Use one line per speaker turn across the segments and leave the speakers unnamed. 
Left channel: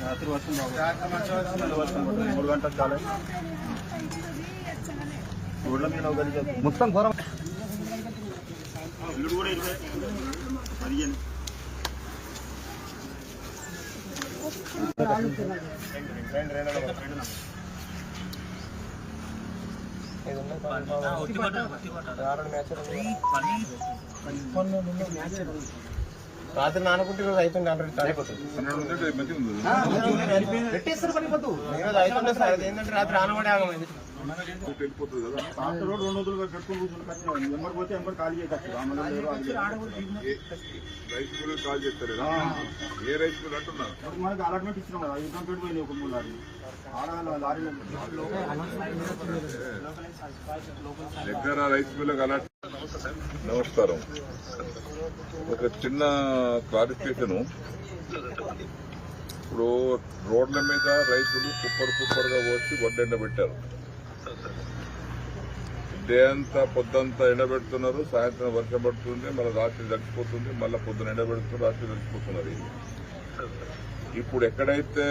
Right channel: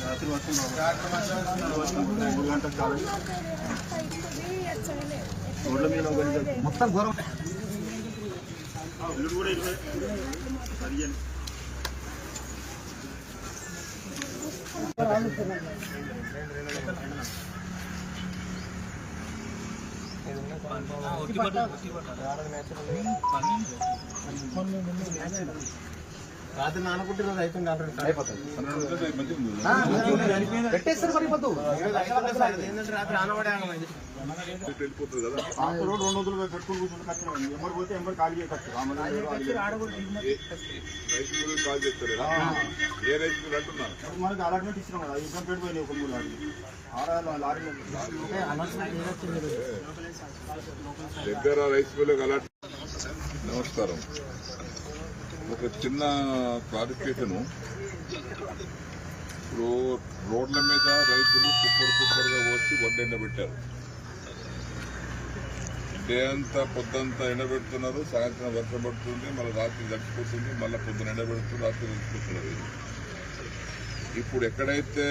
రాత్రి వస్తుంది మూడు గంటలకు చాలు ఊళ్ళో మీద మొత్తం ఘోరం కూడా ఇరవై పదిహేను
రాత్రి నానకుంటే ఈరోజు అవుతుంది అయిపోతుంది.
పెట్టేస్తారు మరి పొద్దు
ఈరోజు అవుతుంది సార్ అది ఏంటంటే రాత్రి ఆనవాడే ఆగమైంది.
వెళ్ళిపోతుంది కదా?
ఆఫ్టర్ రోడ్ రెండు వందలు కట్టుకుని కూర్చుని కట్టుకోండి ఎంబర్ పోతే ఎంబర్ ఖాళీ చేయవచ్చు రామలేదు
రైస్ మిల్ కాల్ చేస్తారు కదా? ఏ రైస్ మిల్ అంటున్నా
మనకి అలాట్మెంట్ ఇచ్చినాం కదా. యుద్ధం పేరు పోయినాయి ఒక మూడు లారీ
దగ్గర రైస్ మిల్ అలా నమస్కారం. ఒక చిన్న క్లారిఫికేషన్ ఇప్పుడు రోడ్ల మీద రైతులు కుప్పర్ కుప్పర్గా పోసి వడ్డు ఎండబెట్టారు. డే అంతా పొద్దంతా ఎండబెడుతున్నారు సాయంత్రం వర్షం పడుతుంది మళ్ళీ రాత్రి తడిచిపోతుంది మళ్ళీ పొద్దున ఎండబెడుతున్నారు రాత్రి తడిచిపోతున్నారు ఇది. ఇప్పుడు ఎక్కడైతే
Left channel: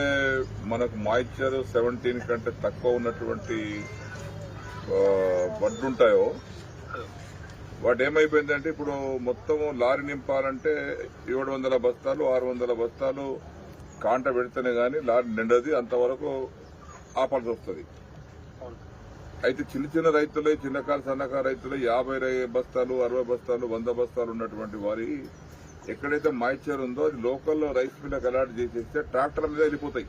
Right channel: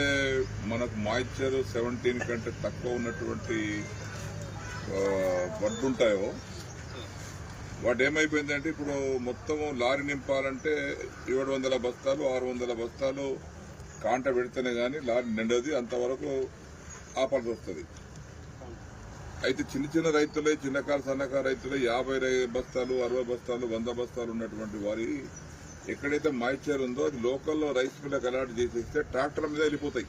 మనకు మాయిశ్చర్ సెవెంటీన్ కంటే తక్కువ ఉన్నటువంటి వడ్లుంటాయో వాటి ఏమైపోయిందంటే ఇప్పుడు మొత్తం లారీ నింపాలంటే ఏడు వందల బస్తాలు ఆరు వందల బస్తాలు కాంట పెడితేనే గానీ లారీ నిండది అంతవరకు ఆపాల్సి వస్తుంది. అయితే చిన్న చిన్న రైతులే చిన్నకారు సన్నకారు రైతులే యాభై బస్తాలు అరవై బస్తాలు వంద బస్తాలు ఉన్నటువంటి వారి ఎక్కడైతే మాయిశ్చర్ ఉందో అది లోకల్లో రైస్ మిల్లకు అలాట్ చేసేస్తే ట్రాక్టర్ మీద వెళ్ళిపోతాయి.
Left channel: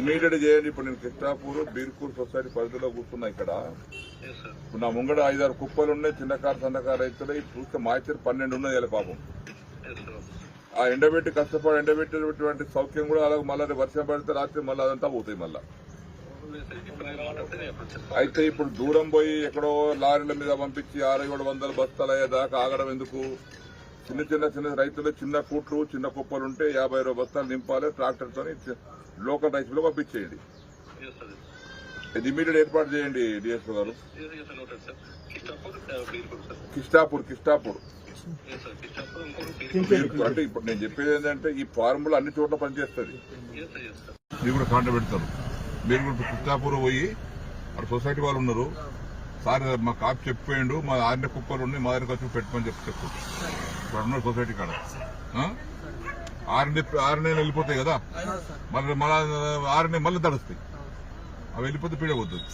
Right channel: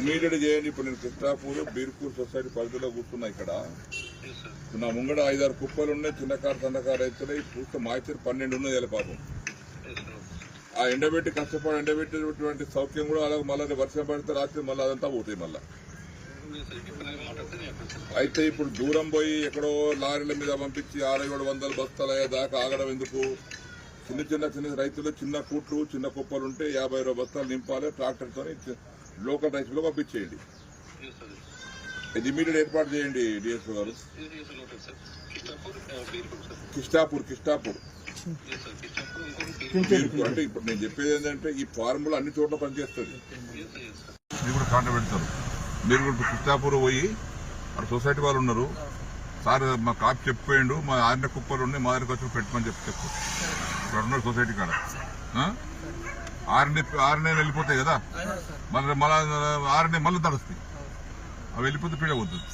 ఇమీడియట్ చేయండి. ఇప్పుడు నేను కృష్ణాపూర్ బీర్పూర్ సొసైటీ పరిధిలో కూర్చున్నా ఇక్కడ. ఇప్పుడు నా ముంగడ ఐదారు కుప్పలు ఉన్నాయి చిన్నకారు సన్నకారు రైతులు చూస్తే మాయిచర్ పన్నెండు ఉన్నాయి ఇలా పాపం. ఆ ఎండబెట్టి కష్టపడి ఎండబెట్టేటువంటి సౌఖ్యం కూడా అలాగే మళ్ళీ వర్షం పడితే రాత్రి మళ్ళీ అదంతా పోతాయి మళ్ళీ. అయితే ఇప్పుడు దూరం పోయి ఎక్కడో లారీల మీద పంపించి ఆరు ఏడు వందల బస్తాలు అయ్యేదాకా ఆగడం ఎందుకు? చిన్న చిన్న చిన్న రైతులు చిన్న కూట్లు చిన్న కుప్పలు ఉంటే యాభై ఇరవై బస్తాలు నింపాలి ట్రాక్టర్తో లోకల్ రైతులు పంపించేయండి. ఇది ఇమీడియట్ ఏర్పాటు చేయండి డిఎస్ఓ గారు.
కిష్టాపూర్
కిష్టాపూర్. కిష్టాపూర్
కిష్టాపూర్
అంటే ఇప్పుడు నేను చెప్పేది ఏంటంటే ఈ ఫార్ములా అన్ని చోట్ల పనిచేస్తుంది. మీరు కూడా కాంట పెడతారు. మీరు కూడా కృష్ణాపూర్ పోయి అక్కడ సొసైటీ వాళ్ళు ఉన్నారు. సార్ మా కాపు చెప్పేయండు మా ఆరిన కుప్పలు ఉండి మా దగ్గరకు వచ్చి పెట్టమని చెప్పి చెప్పు. ఇక్కడ ఉన్నారు సొసైటీ కాడ. ఆ? ఆరుని ఆరునే వెళ్ళిపోతాయి కదా. మళ్ళీ మళ్ళీ ఆరునే మళ్ళీ తడుస్తాయి. అవి వెళ్ళిపోతే పీడ పోతుంది.